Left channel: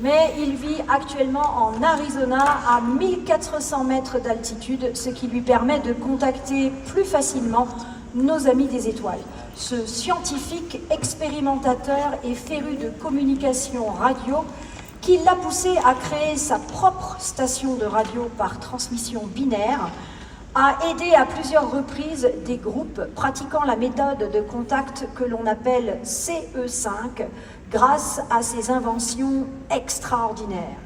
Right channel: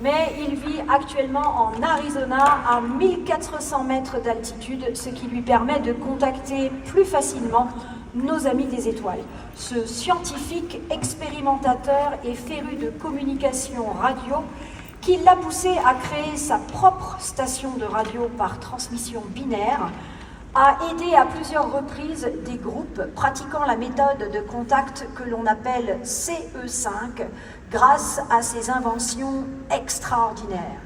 mais il vit actuellement en Arizona à 1400 mètres d'altitude, ce qui lui permet de contacter plus facilement nos amis des étoiles. Ce scientifique expérimentateur et féru de communication radio qui l'a poussé à créer sa propre station de radio par transmission binaire, a aidé à plusieurs reprises des groupes pratiquant la méthode de contact que l'on appelle CE5 grâce à ses inventions extraordinaires.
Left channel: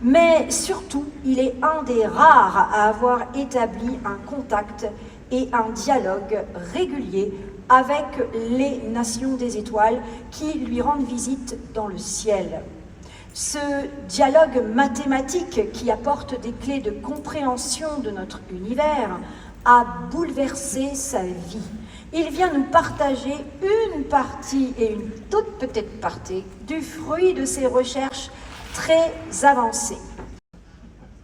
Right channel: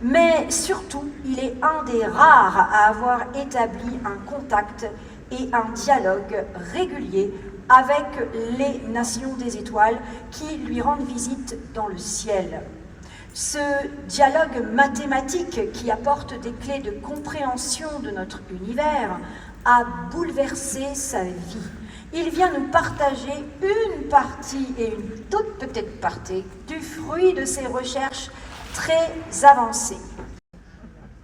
Mais surtout, il est un des rares à avoir établi un contact et un dialogue régulier avec les nations des étoiles qui lui rendent visite dans le ciel. Ce dialogue mathématique qui apporte des clés de compréhension de notre univers a bouleversé sa vie. Il vient nous partager une partie et une toute petite partie du fruit de ses recherches très avancées.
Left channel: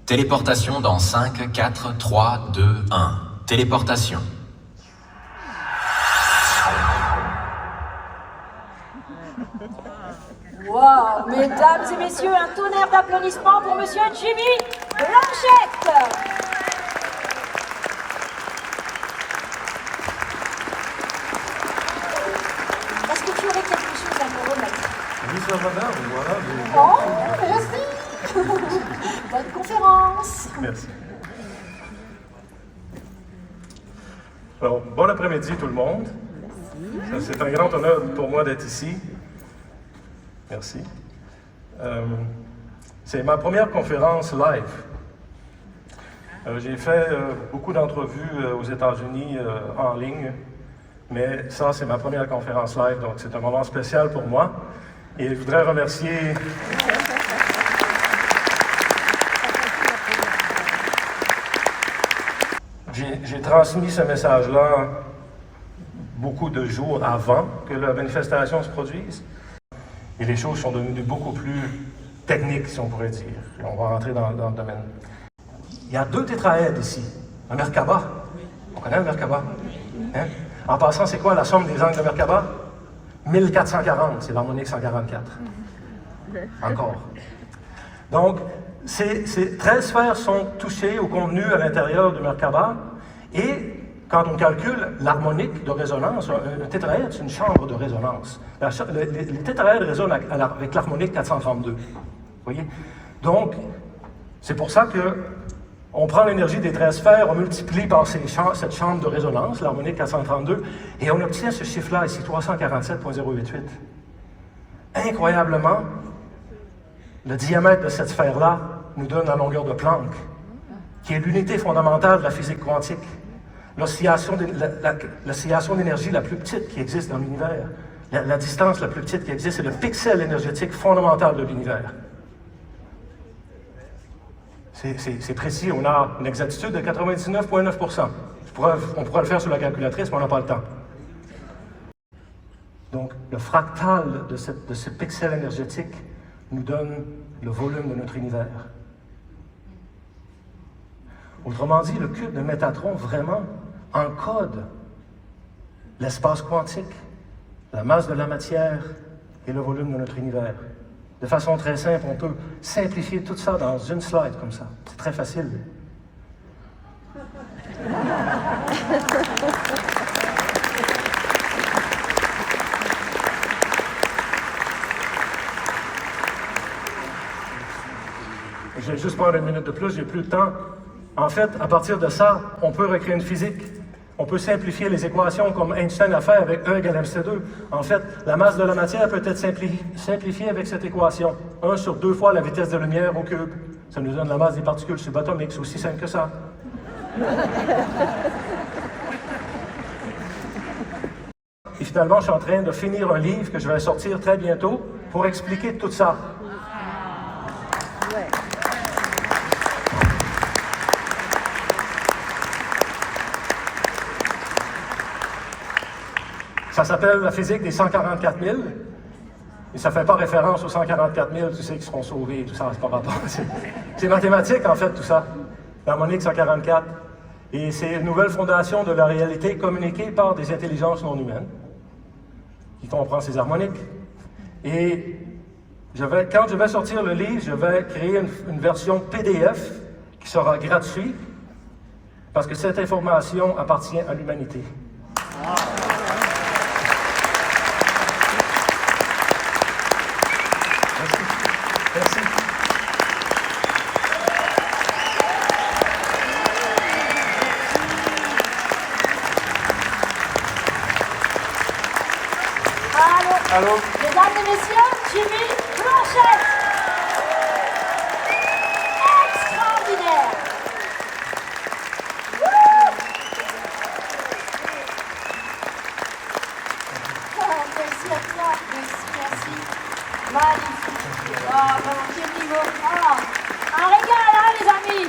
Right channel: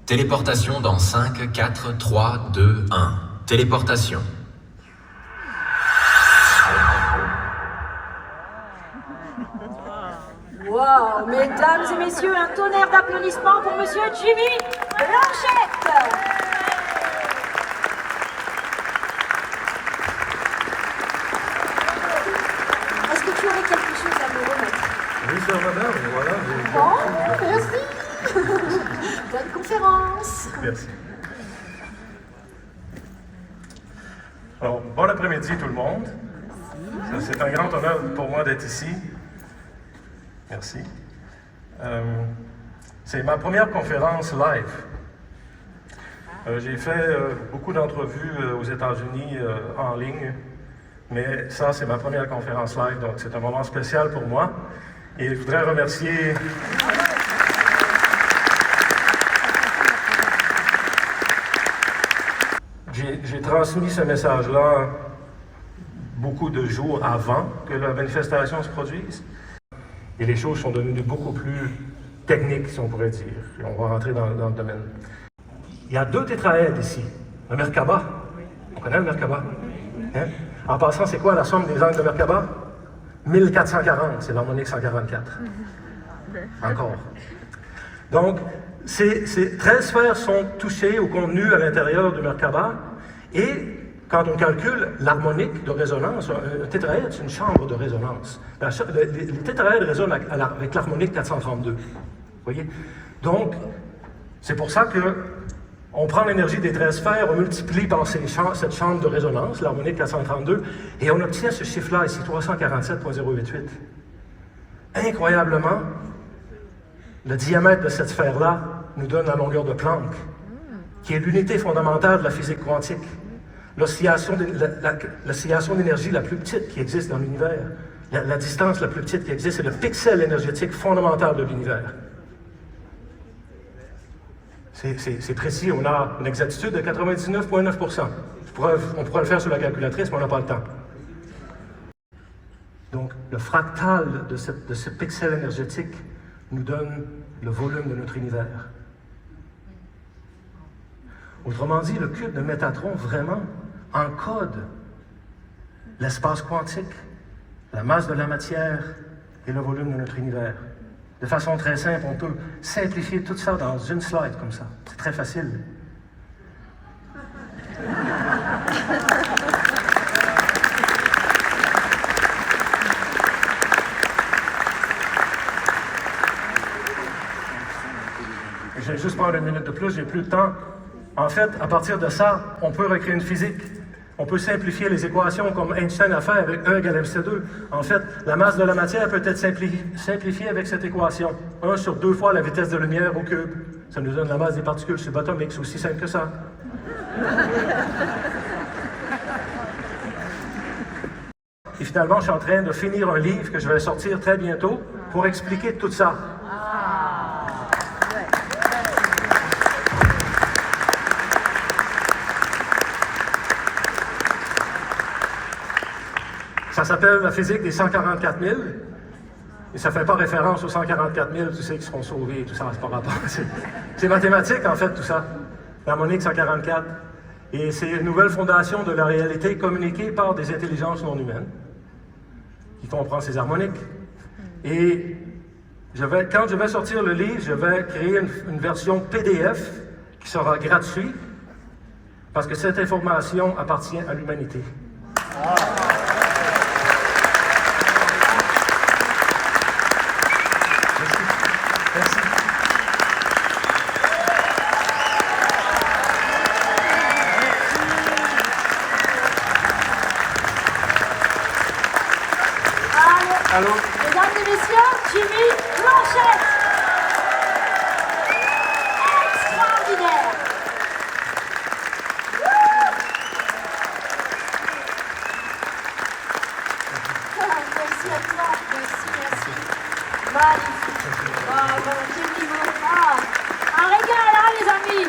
Téléportation dans 5, 4, 3, 2, 1. Téléportation. Wow, mesdames et messieurs, un tonnerre d'applaudissements pour Monsieur Jimmy Blanchette. Est-ce que tu aurais quelque chose à nous remettre? Oui, sœur madame, voilà. Oh, merci. Bonne conférence. Merci. Alors, bon après-midi tout le monde. C'est un grand honneur pour moi d'être ici. Merci. C'est ma première conférence live. J'ai fait beaucoup d'entrevues aux États-Unis en ligne, mais ça, c'est ma première conférence live, donc c'est un moment spécial pour moi. Et je voudrais remercier... J'ai transmis ce message-là beaucoup de jours avant que la manifestation se produise. Et les choses sont devenues beaucoup plus techniques, si on pourrait dire. Et on va rentrer dans le domaine. Il y a deux tétraèdres ici. Le Merkaba. On connaît le Merkaba? Hein? En passant, c'est quoi la somme des angles de Merkaba? 1440, c'est l'harmonique 144. Encore. Donc, ces 13 sphères sont touchées au contenu à l'intérieur du Merkaba. Et quand on calcule l'harmonique de résonance, un tétraèdre, c'est une chambre de résonance. Le tétraèdre résonne avec l'harmonique 432. Vous voyez? Donc, c'est pour ça qu'on prend l'énergie des 13 sphères, on multiplie par cette chambre de résonance, l'harmonique 432, et on obtient ce chiffre-là ici, 347,088. Incroyablement, le diamètre de cette sphère-là nous donne la longueur de Planck, qui est l'unité fondamentale de la physique quantique. L'oscillation d'énergie la plus petite qui existe dans l'univers. La distance la plus petite qui existe, c'est le pixel énergétique fondamental de l'univers. C'est précis, on a une exactitude de 99,9%. On pourrait le faire sur la calculatrice, mais on n'a pas le temps. Donc, le fractal de ce pixel énergétique nous donne le volume de notre univers. Autrement dit, le cube de Métatron vraiment encode l'espace quantique, la masse de la matière et le volume de notre univers. De façon très simple, on peut simplifier tout ça dans une slide comme ça. C'est très facile. Je vais juste prendre une minute de plus, j'ai plus de temps. En fait, à partir de ça, on peut recréer une physique. On peut simplifier les équations comme Einstein a fait avec E égale mc2. En fait, la masse de la matière peut être simplifiée avec cette équation. 1 sur 2 fois la vitesse de lumière au cube. Ça nous donne la masse des particules subatomiques. C'est aussi simple que ça. Et finalement, je suis en train de finir un livre que je vais sortir très bientôt pour expliquer tout ça. Ça s'appelle la physique des 144 000, et ça ne fait pas référence aux 144 000, tu sais, qui seront sauvés, tout ça, c'est pas rapport. C'est mathématique, en fait, tout ça. L'harmonique 144. Et c'est une nouvelle fondation de la réalité communiquée par des intelligences non humaines, qui comprend ces harmoniques. Et Quand je vais sortir le livre, je vais créer une version PDF qui sera gratuite parce que cette information appartient à l'humanité. Merci. Merci. Allô. Allô? Mesdames et messieurs, Jimmy Blanchette. Extraordinaire. Merci à toi. Merci. Magnifique. Oh, bon, Jimmy, un régal, hein, les amis.